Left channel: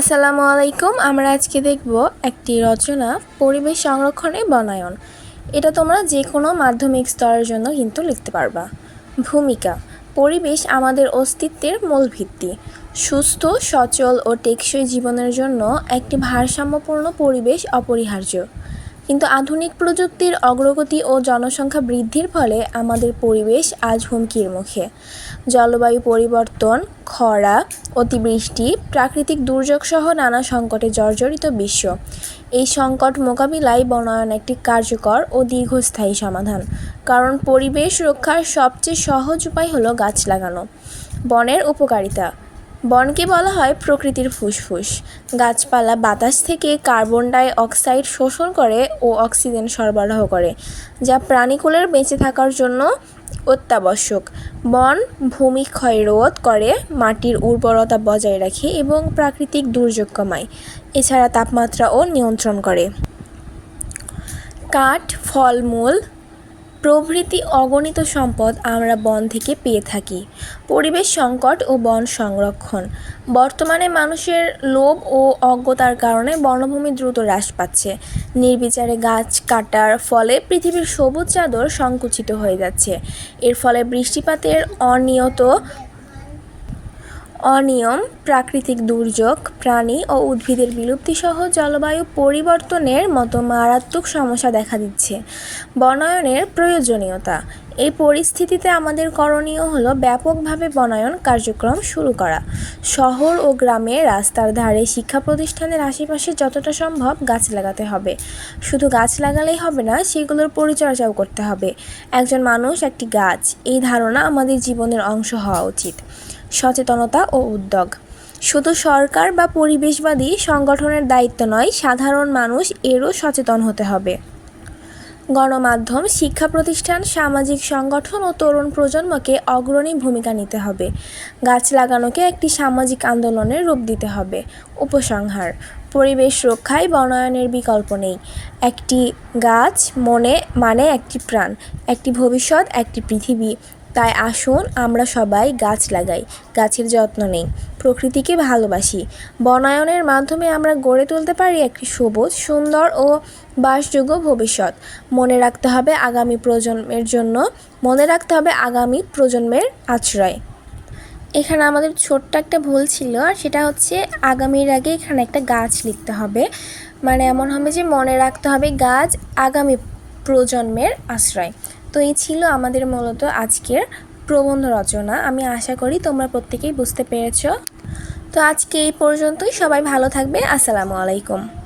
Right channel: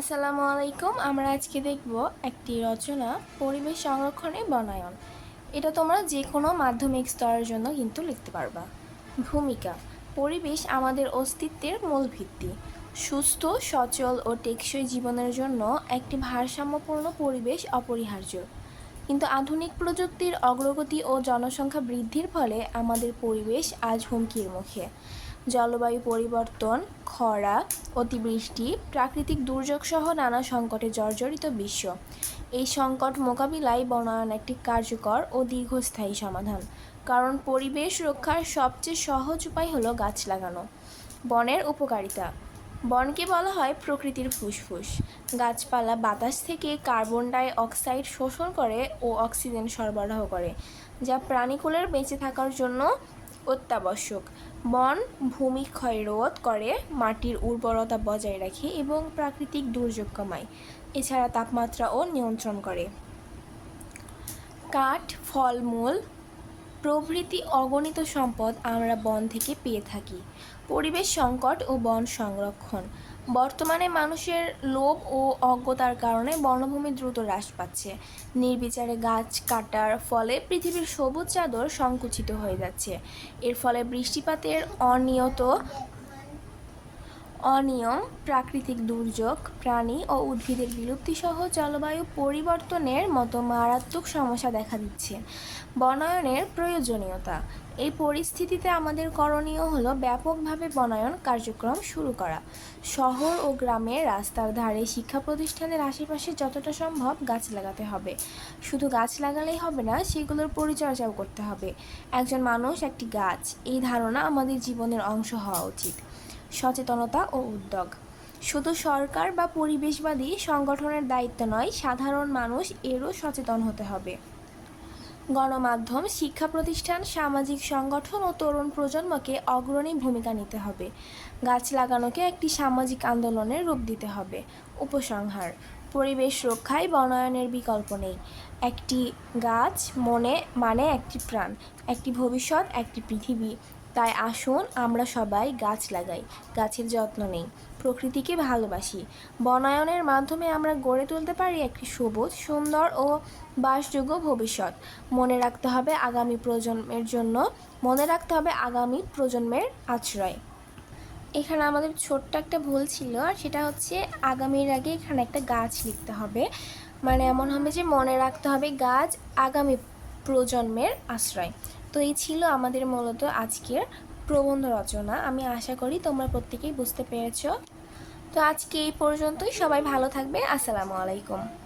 আসসালামু আলাইকুম আমরা আজকে দেখব একটি রচনা, পরিবেশ সংরক্ষণে বনায়ন। এটা তোমরা যে কোনো মাধ্যমিক স্তরের জন্য কিন্তু লিখতে পারবা। ভূমিকা, পরিবেশ আমাদের অস্তিত্বের মূল ভিত্তি। সুস্থ, সচল ও টেকসই জীবনের জন্য একটি ভারসাম্যপূর্ণ পরিবেশ অপরিহার্য। কিন্তু আধুনিক প্রযুক্তির অগ্রগতি ও জনসংখ্যা বৃদ্ধির ফলে আমাদের পরিবেশ আজ হুমকির মুখে। জলবায়ু পরিবর্তন, খরা, অতিবৃষ্টি, প্রাকৃতিক দুর্যোগ সহ নানা সংকটে জর্জরিত বিশ্ব। এই সংকট মোকাবিলায় বনায়ন একটি কার্যকর ও দীর্ঘস্থায়ী সমাধান। কারণ পরিবেশ রক্ষার সবচেয়ে সহজ উপায় হলো গাছ লাগানো। বনের উপকারিতা। বনকে বলা হয় প্রকৃতির ফুসফুস। গাছপালা বাতাস থেকে কার্বন ডাই অক্সাইড শোষণ করে ও অক্সিজেন সরবরাহ করে, যা প্রাণীকুলের বেঁচে থাকার জন্য অত্যাবশ্যক। বন ভূমি ক্ষয় রোধ করে, মাটির উর্বরতা বজায় রাখে এবং প্রাকৃতিক দুর্যোগ কমায়, এছাড়া তাপমাত্রাও নিয়ন্ত্রণ করে। কাঠ, ফলমূল প্রভৃতি অগণিত সম্পদ আমরা বন থেকে পেয়ে থাকি। পরিবেশ সংকট ও বন সংরক্ষণ। বর্তমানে মানুষের লোভ ও অজ্ঞতার কারণে বনভূমি দ্রুত হ্রাস পাচ্ছে। নির্বিচারে গাছ কাটার ফলে পৃথিবীর সবুজ চাদর সংকুচিত হয়ে যাচ্ছে। এর ফলে বৃষ্টিপাতের অনিয়ত অনিয়ম, প্রাকৃতিক দুর্যোগ, প্রাণী ও উদ্ভিদের বিলুপ্তিসহ জলবায়ু পরিবর্তনের মতো মারাত্মক সমস্যা দেখা দিচ্ছে। বনায়নের প্রয়োজনীয়তা। এই পরিস্থিতিতে আমাদের করণীয় হলো ব্যাপকভাবে বনায়ন কার্যক্রম শুরু করা। শহর ও গ্রামে রাস্তার ধারে শিক্ষা প্রতিষ্ঠানের আশেপাশে যতটা সম্ভব গাছ লাগাতে হবে। শুধু গাছ লাগালেই হবে না, সেগুলোর পরিচর্যাও করতে হবে। একজন মানুষ একটি গাছ, এই ধারণা আমাদের জীবনের অংশ হওয়া উচিত। সচেতনতা ও উদ্যোগ। শুধু সরকার বা পরিবেশবাদী সংগঠনের দায়িত্ব নয়, সাধারণ মানুষ এরও সচেতন হতে হবে। গণমাধ্যম, শিক্ষা প্রতিষ্ঠান, সামাজিক সংগঠন ও তরুণ প্রজন্মকে অগ্রণী ভূমিকা নিতে হবে। গাছ লাগানোকে একটি সামাজিক আন্দোলনের রূপ দিতে হবে। উপসংহার, পরিবেশ রক্ষায় বনায়নের বিকল্প নেই। একটি গাছ মনে মানে একটি প্রাণ, একটি ভবিষ্যৎ, একটি পৃথিবী। তাই আসুন আমরা সবাই গাছ লাগাই, গাছের যত্ন নেই, প্রকৃতিকে ভালোবাসি। বনায়নের মাধ্যমে আমরা গড়ে তুলতে পারি একটি সবুজ, সুন্দর ও বাসযোগ্য ভবিষ্যৎ। মনে রাখতে হবে আগামী প্রজন্মের জন্য, মনে রাখতে হবে আগামী প্রজন্মের আশ্রয়। এখানে আমাদের ছোট্ট একটা ভুল ছিল, আর সেটা হচ্ছে আগামীর আগে এখানে একটা গাছ লিখতে হবে। মানে এমন হবে যে মনে রাখতে হবে গাছ আগামী প্রজন্মের আশ্রয়। তো এই ছিল আমাদের মূলত আজকের প্রবন্ধ রচনা। আমি আশা করি তোমরা প্রত্যেকেই বুঝতে পেরেছ। তো আজকে এই পর্যন্তই। সবাই ভালো থাকবে। আসসালামু আলাইকুম।